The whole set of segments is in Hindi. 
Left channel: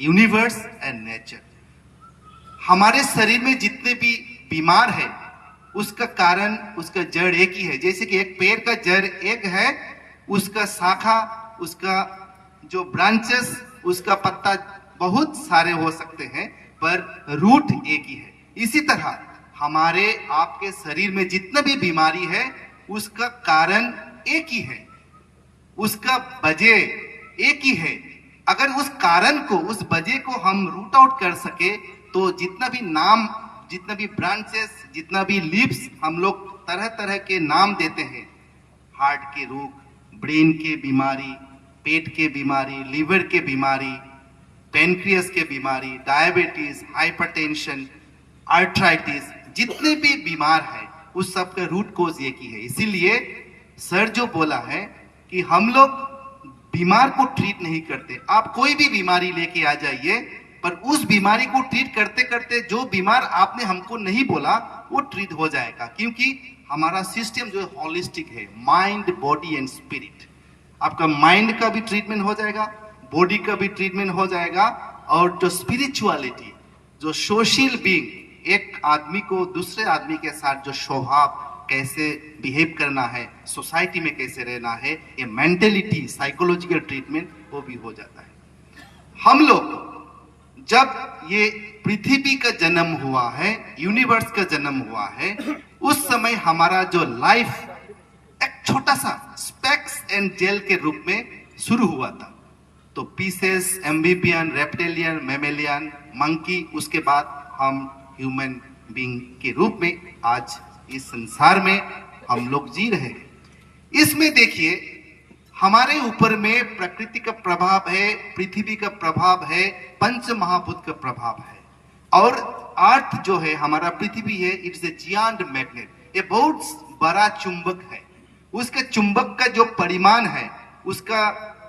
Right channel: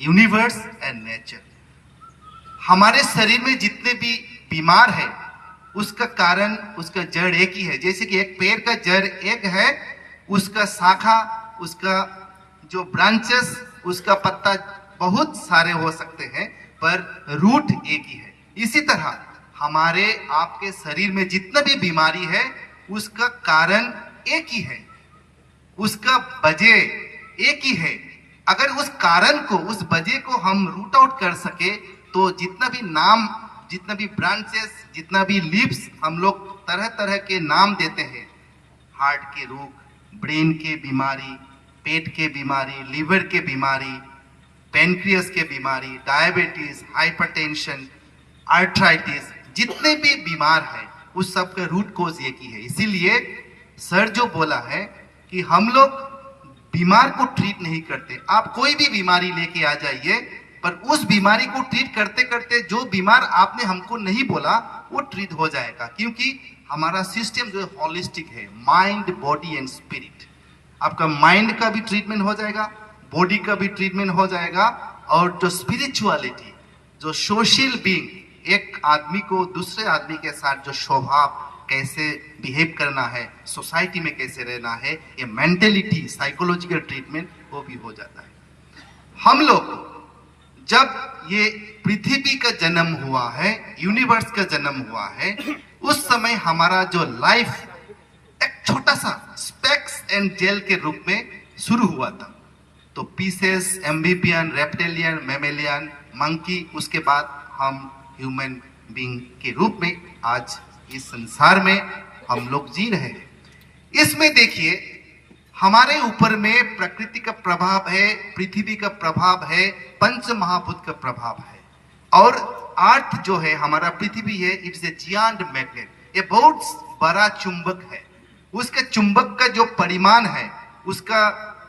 Universe and nature. हमारे शरीर में जितने भी बीमार है उसका कारण, उसका जड़ एक ही है। जैसे कि एक पेड़ का जड़ एक है, उसका शाखा, उसका जो ब्रांचेस, उसका पत्ता बहुत सारे हो सकते हैं, पर रूट एक ही है। इसी तरह हमारे आपके शरीर में जितना भी बीमारी है उसका कारण एक ही है, उसका वजह एक ही है। अगर उस कारण को, उस वजह को हम रूट आउट कर सके तो जितना भी नाम, जितना भी ब्रांचेस, जितना भी लीव्स हम लोग तरह तरह के नाम देते हैं, हार्ट के रोग, ब्रेन के बीमारी, पेट के बीमारी, लीवर के बीमारी, पेनक्रियस के बीमारी, डायबिटीज, हाइपरटेंशन, आर्थराइटिस, जितने भी बीमार है उस सब का रूट कोज एक ही है। इसीलिए सर जो बोला है कि हम लोग बीमार को ट्रीट नहीं करते। आप कोई भी बीमारी लेके आ जाइए, पर उस बीमारी को ट्रीट करते करते जो बीमार आपने हमको नहीं बोला वो ट्रीट हो जाएगा, क्योंकि हमारा सिस्टम जो है हॉलिस्टिक है, माइंड, बॉडी एंड स्पिरिट। आपका माइंड का भी ट्रीटमेंट हो जाएगा, बॉडी का भी ट्रीटमेंट हो जाएगा, और जो स्पिरिचुअलिटी, जो सोशल बीइंग, एक आदमी को दूसरे आदमी के साथ जो स्वभाव, कैसे बिहेव करना है, सोसाइटी में कैसे रहना है, ये मेंटेलिटी, साइकोलॉजिकल ट्रीटमेंट वो भी हो जाता है। हम लोग जब ये पृथ्वी का जन्म हुआ है, यूनिवर्स का जन्म हुआ है, उस समय हमारा जो लाइफ एक छोटा सा स्पेक्स एंड जेल के रूप में शुरू हुआ था। तो pieces, amphibian, reptilian, mammalian, monkey, उसके बाद हम ह्यूमन बीइंग के रूप में आज इस संसार में हम लोग जी रहे हैं। इसमें देखिए हमारे ऊपर में प्रकृति का प्रभाव है, पृथ्वी का प्रभाव है, पंच महाभूत का प्रभाव है, और अर्थ जो है, हमारा पृथ्वी है, इट्स ए जियांट मैग्नेट, ये बहुत बड़ा चुंबक है। उसके चुंबक का जो परिमाण है, उसका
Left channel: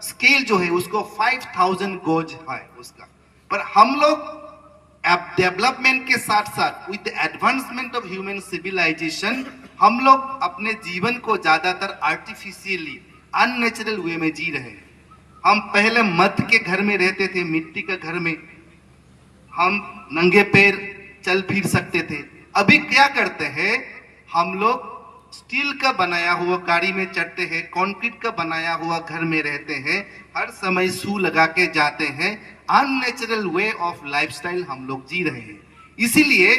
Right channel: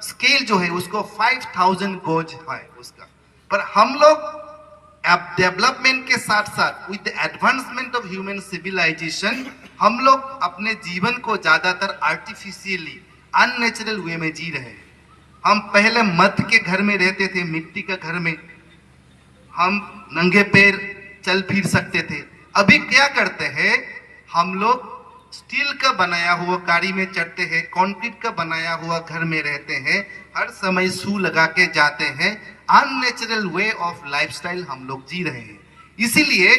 स्केल जो है, उसको 5000 गोज है उसका। पर हम लोग अब डेवलपमेंट के साथ साथ, with the advancement of human civilization, हम लोग अपने जीवन को ज्यादातर आर्टिफिशियली, अननेचुरल वे में जी रहे हैं। हम पहले मट्टी के घर में रहते थे, मिट्टी के घर में हम नंगे पैर चल फिर सकते थे। अभी क्या करते हैं हम लोग, स्टील का बनाया हुआ गाड़ी में चढ़ते हैं, कंक्रीट का बनाया हुआ घर में रहते हैं, हर समय शू लगा के जाते हैं। अननेचुरल वे ऑफ लाइफस्टाइल हम लोग जी रहे हैं। इसीलिए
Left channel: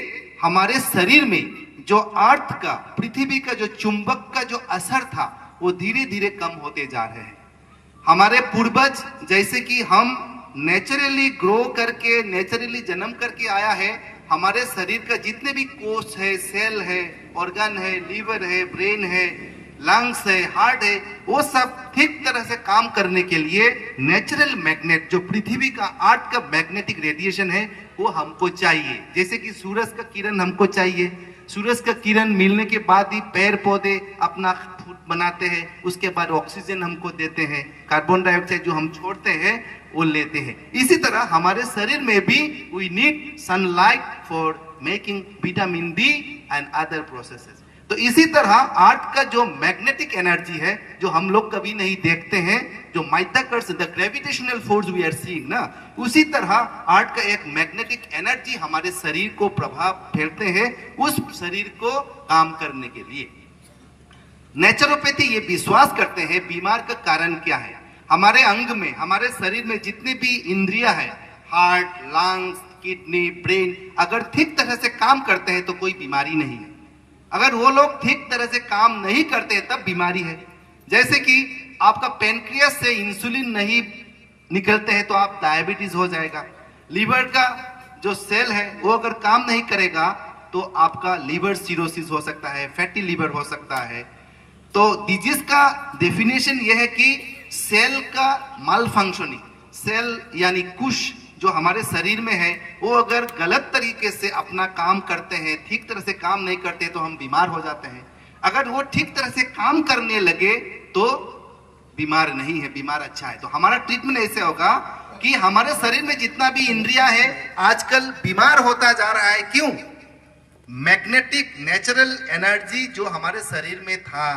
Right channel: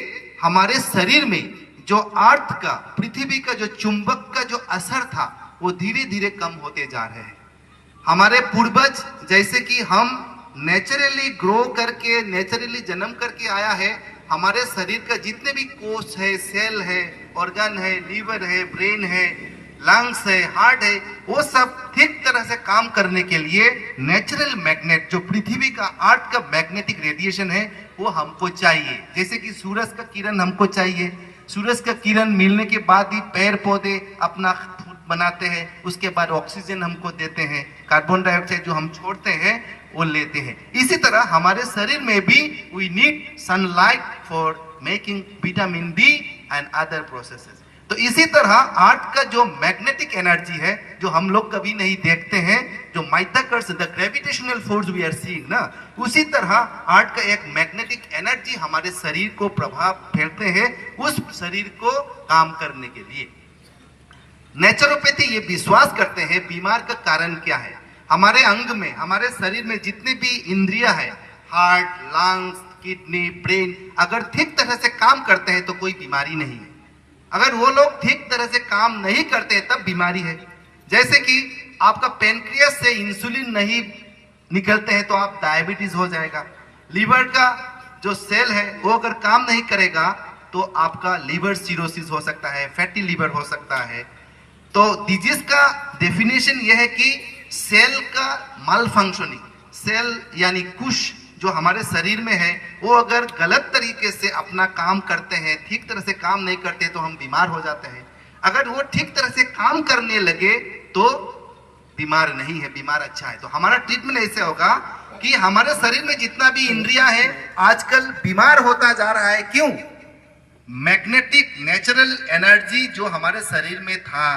हमारे शरीर में जो अर्थ का, पृथ्वी का जो चुंबक का जो असर था वो धीरे धीरे कम होते जा रहे हैं। हमारे पूर्वज, जैसे कि हम नेचुरली ग्रो करके, नेचुरली जन्म करके आया है, हमारे शरीर का जितने भी कोष है, सेल है, ऑर्गन है, लीवर है, ब्रेन है, लंग्स है, हार्ट है, वो सब ठीक तरह से काम करने के लिए नेचुरल मैग्नेट, जो पृथ्वी का, अर्थ का मैग्नेटिक रेडिएशन है, वो हमको चाहिए। जैसे कि सूरज का किरण हमको चाहिए, सूरज का किरण मिलने के बाद ही पेड़ पौधे अपना फूड बनाते हैं, उसके बाद ऑक्सीजन हमको देते हैं, कार्बन डाइऑक्साइड जो हम छोड़ते हैं वो लेते हैं। इसी तरह हमारे शरीर में भी we need sunlight for making vitamin D and other processes. तो इसी तरह अर्थ का जो मैग्नेटिक एनर्जी है, जो हम लोग कभी नहीं देखते हैं, जो माइथाकर्स, the gravitational force we are seeing ना, उसी तरह अर्थ का एक मैग्नेटिक एनर्जी हमारे शरीर को प्रभाव फेरते हैं, उस शरीर को काम करने के लिए। नेचुरोपैथी ये विश्वास करते हैं बीमार का कारण क्या है। हमारे अंग में, हमारे शरीर में जितनी भी इंद्रियां है, हार्ट, लंग्स, किडनी, ब्रेन, अगर ठीक तरह से काम करते हैं तो कोई बीमारी नहीं है। अगर वो लोग ठीक तरह से काम नहीं करते हैं तब बीमारी है। जैसे कि आपका पेनक्रियस से इंसुलिन नहीं निकलते हैं तो आप डायबिटीज हो जाएगा। लीवर का जो सेल है वो अगर काम नहीं करेगा तो आपका लीवर सिरोसिस हो सकता है, फैटी लीवर हो सकता है। तो डिजीज का डेफिनेशन यह है कि सेल का माल फंक्शनिंग, सेल यानी कुश जो हमारे शरीर में है, वो अगर गलत तरीके से अपना काम करते हैं, ठीक तरह से काम नहीं करते तो हम बीमार हो जाते हैं। अगर वो ठीक तरह से काम करने लगे तो बीमार नहीं है, बीमार अच्छा है। तो हमारा ट्रीटमेंट ऐसे होगा कि हमारे शरीर में जितना भी इंद्रियां है आजकल बीमार होता जा रहा है। क्यों? मैग्नेटिक नेचुरल एनर्जी जो हमारे शरीर में था